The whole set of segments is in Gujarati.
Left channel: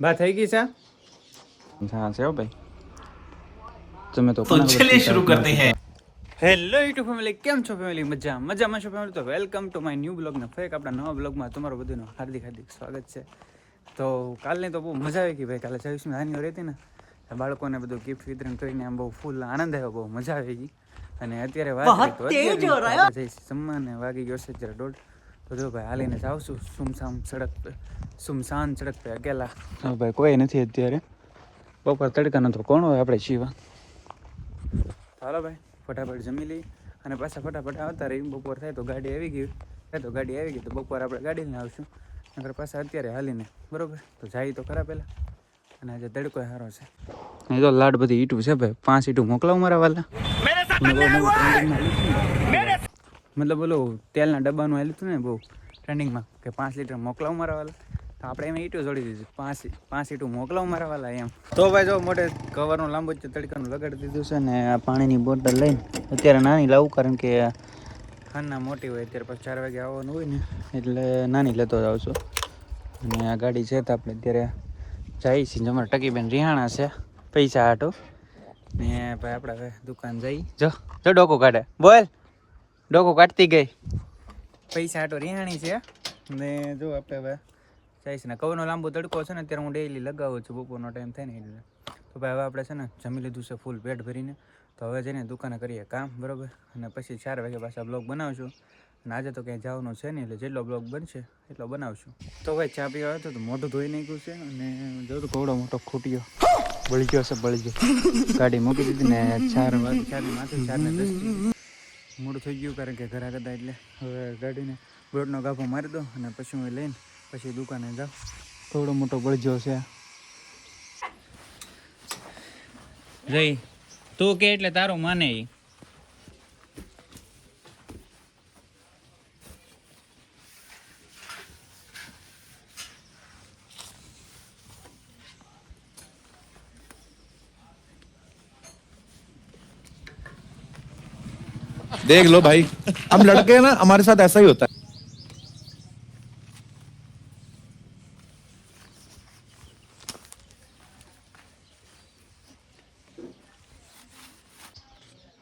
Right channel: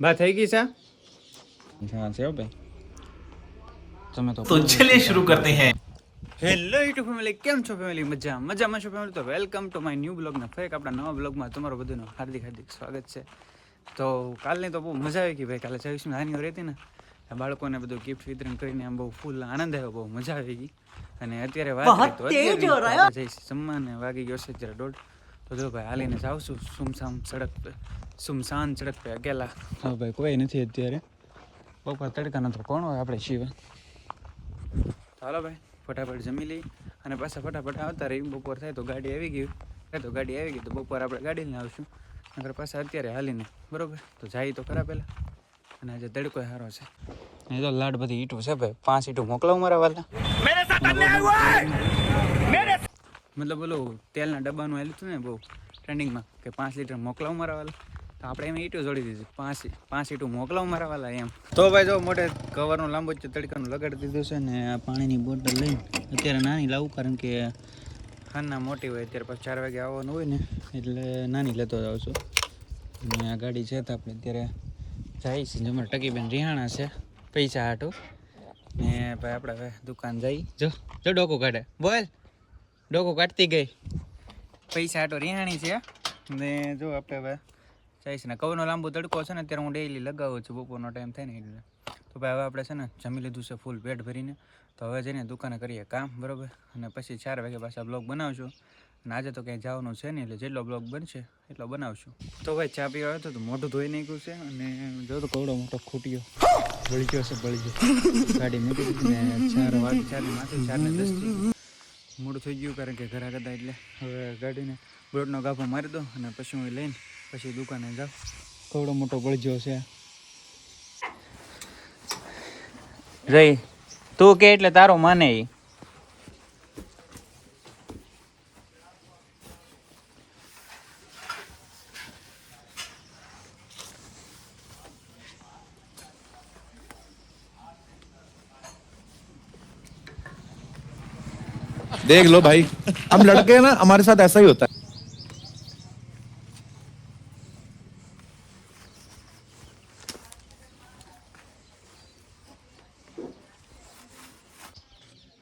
बात है की सा से हो भाई। तुम्हें तो तो चलिए शुरू करते हैं। हेलो YouTube फैमिली केम छो फैमिली मज़ा मज़ा मज़ा छो फैमिली तो welcome to my new blog ना फेक अपना नया ब्लॉग में तुम्हारा बधुनो हार्दिक हार्दिक स्वागत है तो कल ने तो बहुत मज़ा आई कि भाई काल से इसमें आनी रही थी ना। બાળકોને બધું ગિફ્ટ વિતરણ કરીને આમ બહુ ફૂલ આનંદ આવ્યો બહુ મજા આવી ગઈ. અને અત્યારે વાત જઈશ જમવાને વાગી ગયો છે જરા દોઢ. તો જો ભાઈ હાલીને જાઉં છું. સુમસામ સડક પે સુમસાન સડક પે અકેલા. જો ભાઈ કોઈ નથી અત્યારે. બપોર તડકાનો તો કોણ હોય આપણે શિવા? ચાલો ભાઈ ફટાફટ જમી લઈ અને પાછા ફટાફટ આવતા રહી બપોર થાય તો ગાડી આવી ગઈ થાય તો ગાડી આવી ગઈ તો બપોર આપણે ગાડી લઈને આવશું. નકર પાછા અત્યારે હાલીને બરોબર? તો જાય તો ખરા પહેલાં અને આજે તડકો સારો છે. એ તો લાડ બધી ઈટું છે ભાઈ. પાંચ ઈટું મોકલાવ મારા વાલા. મતલબ ઓલું તેલના ડબ્બાનું આવેલું હતું ને બહુ ટ્રેન્ડિંગમાં કે પાંચ લીટર મોકલાવ મારા વાલા. તો આપણે એમ ઈટું જોડી દીધી. પાંચ પાંચ ઈટું મોકલાવ મારા વાલા એમ. તો ભાઈ જો મોટે કવરનું લાંબુ જ તડકાનું લગાડી દીધું છે ને આ પાણીની બોટલ લઈને. અત્યારે નાની લાવું કારણ કે ખાનના મોટી હોય અત્યારે પછી ચાર વાગે આવવાનું હોય ને. એટલે નાની લેતો જ આવશું અને આ ગાડી છે તો આપણે અત્યારે જઈએ છીએ અમારે ટકીબેન રિહાણા છે. પૈસા હાટો. ને ભાઈ આપણે હવે દુકાન જઈ. જો જો ડોકો કાઢે. બોલ. ડોકો કાઢતી ગઈ. પૈસા હાટો રિહાણી છે. ને જો આપણે હવે જઈશ ને. કવરનો લાંબો તડકો છે ને, અત્યારે હું ડેઈલી લગાવું છું. બપોરનો ટાઈમ થાય ને એટલે. તો ભાઈ હવે આપણે છે ને જમી લીધું છે ફૂલ પેટ ભરીને. તો હવે જઈને દુકાને કરીએ કામ, બરોબર? અને પછી ચાર વાગે પાછા બ્લોગ બનાવશું. અને આજે તો ક્યાંય જવાનું છે નહીં, એટલે જેટલો બ્લોગ બનશે એટલો બનાવશું. તો ભાઈ, ચા પીવા આવ્યો તો મોઢું ધોઈ નાખ્યું છે અને જો તો કવડો મોટો ખૂટ્યો. બળી ગયો છે, બળી ગયો. ગાડી મૂકી દીધી ને ચાર વાગે ચાર માથે ચાર દસ મોડું થઈ ગયું કારણ કે ઘરા કરતા એટલે. હવે ગાડીને બ્લોટનો ગાફો મારી દો અને પછી હું લઈને પછી દુકાને જાઉં. કવડો મોટો બળજો છે. રહી તું કે એટલે તારો માને ઈ. देख लो भाई हम लड़के हैं ना हमारे साथ ऐसा ही होता है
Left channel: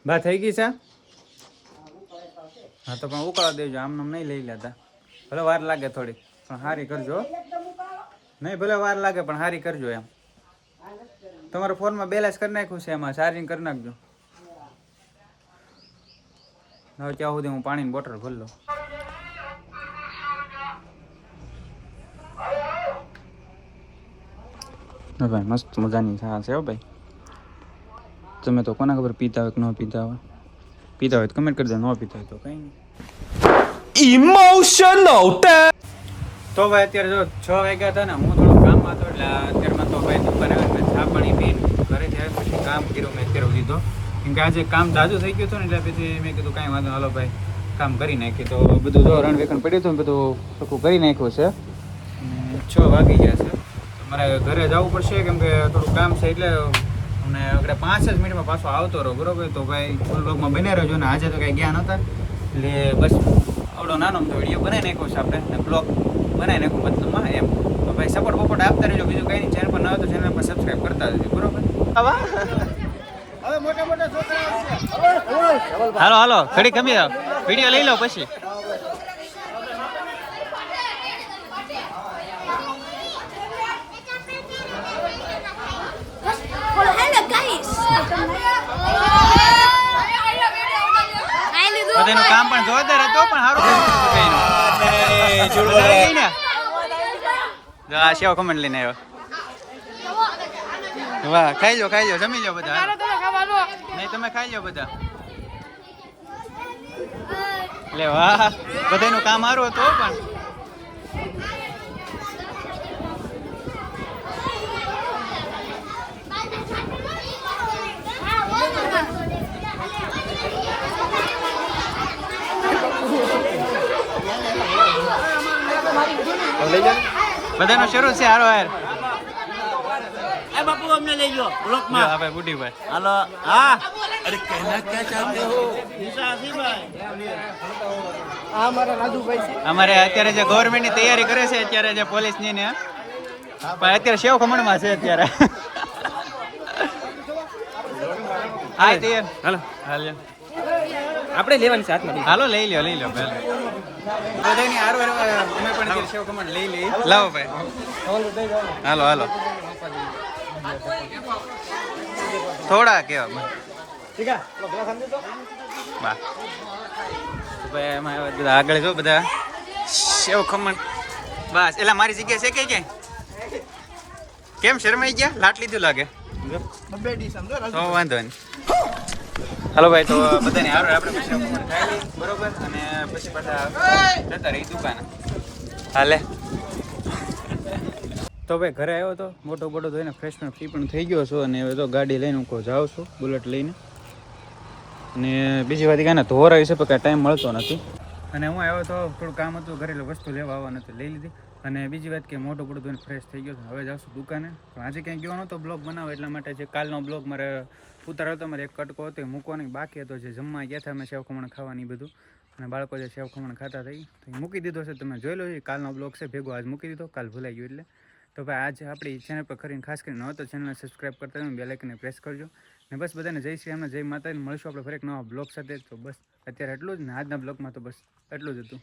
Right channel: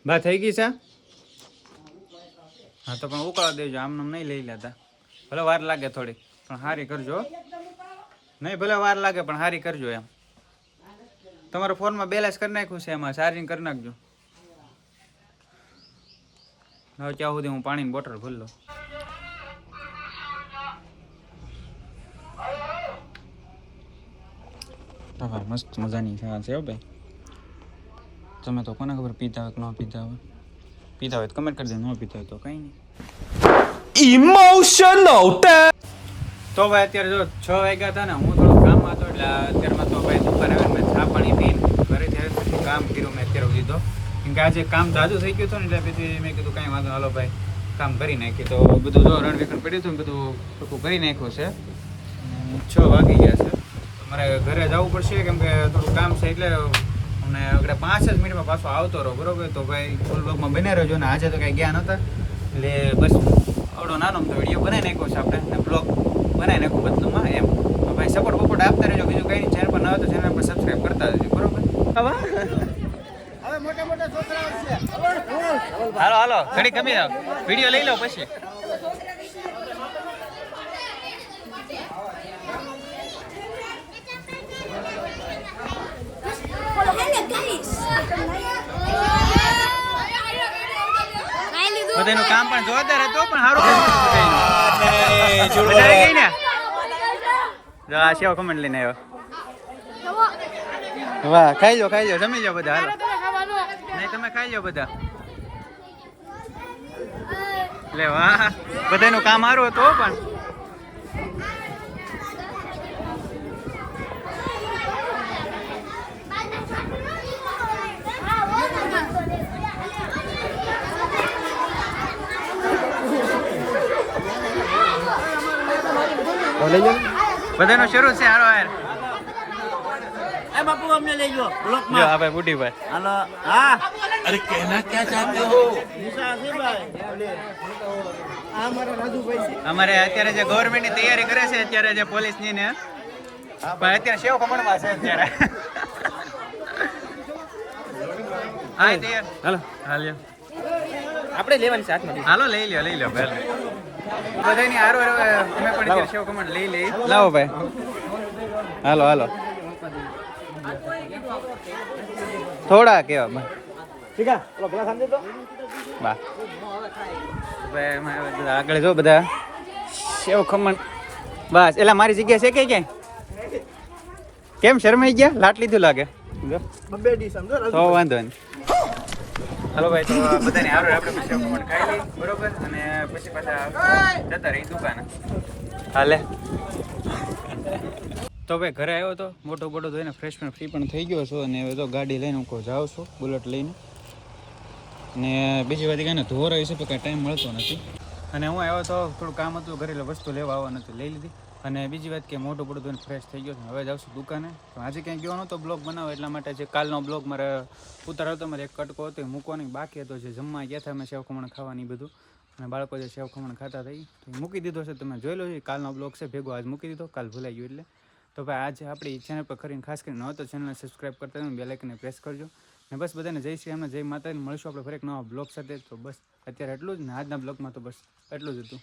બા થઈ ગઈ છે હા તો પણ ઉકાળા દેજો આમ નામ નહીં લઈ લેતા ભલે વાર લાગે થોડી પણ હારી કરજો હો. નહીં ભલે વાર લાગે પણ હારી કરજો એમ તમારા ફોનમાં બેલેન્સ કરી નાખ્યું છે એમાં ચાર્જિંગ કરી નાખજો હવે ત્યાં સુધી હું પાણીની બોટલ ભરી લઉં. ભાઈ મસ્ત મજાની ચા છે હો ભાઈ. તમે તો કોને ખબર પીતા હોય કે ન પીતા હોય. પીતા હોય તો કમેન્ટ કરી કરજો ન પીતા હોય તો કંઈ નહીં. ઇમોશનલ તો ભાઈ અત્યારે જો છ વાગ્યા હતા ને હું થોડું કામ હતો એટલે અત્યારમાં તો ભાઈ દુકાન આવે મેં ચા પાણી પીને ઘરે જ્યારે પછી કામ કર્યું મેં અત્યારે સુધી તો. કેમ કે આજે કામ જાજુ થઈ ગયું હતું ને, એટલે પછી મેં કીધું કાંઈ વાંધો હાલો ભાઈ, કામ કરી નાખી તો બધું જો રણવેકણ પડ્યું હતું બધું ટૂંકું કરી નાખ્યું છે. છ વાગી ગયા છે. મારે ઘરે જવું પડશે, કેમ કે થોડું કામ છે એટલે અમને આપણે પાંચ જ મિનિટમાં પાછો આવતો રહો, બરોબર? તો ભાઈ ફૂલ બ્લોગમાં બને રહેજો ને, આજે તો કાંઈ ગયા નહોતા. એટલે બસ, આવડો નાનો તો વીડિયો બનાવી નાખ્યો છે આપણે બ્લોગ બનાવી નાખો બદલુમાં એમ. તો ભાઈ સપોર્ટ બપોર્ટ આપતા રહેજો, બીજું કંઈ નહીં ચેનલ પર ન હોય તો ચેનલ પર સબસ્ક્રાઈબ કરતા રહેજો બરોબર હાલો હાલો, ઘડી કમી આવ વીડિયો લઈ લો પછી. બધાનું કામ પણ જોરદાર હતું, પણ સારું આ સેવ કમેન્ટ લઈને આવ્યો. વાહ, ખાઈ લો ખાઈ લો, જમી લો બધા નહીં, તમે ખાઈ લો બધા. લે વાહ. બધાનું કામ સારું હતું પણ. બધાનો શરૂ છે હારો એ બાપુ અમને લઈ ગયો બ્લોકમાં હા ભાઈ બુઢી ભાઈ. હાલો હા. અરે કેના ક્યાં ચાહતે હો? અમારે અત્યારે જે ગવર્મેન્ટની તૈયારી કરે છે અત્યારે જે પોલીસની ને પણ અત્યારે સેવ ખમણમાં છે અત્યારે. હાલો હાલ. આપણે લેવાની સાથે હાલો લઈ લ્યો લઈ લ્યો બધાની હારો અમે પણ સેવ ખમણ લઈ લઈ લાવો ભાઈ. હાલો હાલો. થોડા કેવા બા. ભાઈ એમાં આગળ જો બધા. સેવ ખમણ. બસ એલા મારી જગ્યા છે કે કે કેમ શરમાઈ ગયા? લાટ લીધું લાગે. તો વાંધો નહીં. હાલો ભાઈ તો બધાને હારો આપણે સેવ ખમણ ખાઈ બરોબર? અને પછી પાછા જતા રહી દુકાને. હાલે. તો ભાઈ ઘરે આવ્યો તો મોટો બોટો ધોઈને ફ્રેશ ફ્રી પણ થઈ ગયો છો અને હવે તો ગાડી લઈને હું જાઉં છું બુલેટ લઈને. અને બીજી વાત કાંઈ ધોરા વિશે પણ કાંઈ ટાઈમ મળતો નથી. અને હું આવ્યો તો થોડું કામ હતું ઘરે એટલે વસ્તુ લેવા આવવાનું હતું લઈ લીધી. અને બીજી વાત કે મોટો પડો ધોઈને ફ્રેશ થઈ ગયો છે. હવે જાઉં છું દુકાને. પણ આજે ક્યાંય ગયો નહોતો બ્લોગ બનાવો એટલા માટે જે કાલનો બ્લોગ મારે ઉતારો હતો, મારે એક કટકો હતો મૂકવાનો બાકી હતો, જે જમવા ગયા હતા, અમે સેવ ખમણ ખાવાની બધું. અને બાળકો જે સેવ ખમણ ખાતા થઈ તો મૂકી દીધો છે. તમે જોઈ લો કાલનો બ્લોગ છે, ભેગો આજ મૂકી દીધો, કાલ ભૂલાઈ ગયો એટલે. તો ભાઈ, આજે આપણી ચેનલ પર કરીને ખાસ કરીને ન તો ચેનલને સબસ્ક્રાઈબ કરતા બે લાઇકને પ્રેસ કરજો. ને બસ બધાને જય શ્રી રામને જય માતાને મળીશું આપણે ફરી એક નવા બ્લોગ સાથે. તો બસ, અત્યારે એટલું જ ને આજના બ્લોગમાં તો બસ, એટલું જ હતું.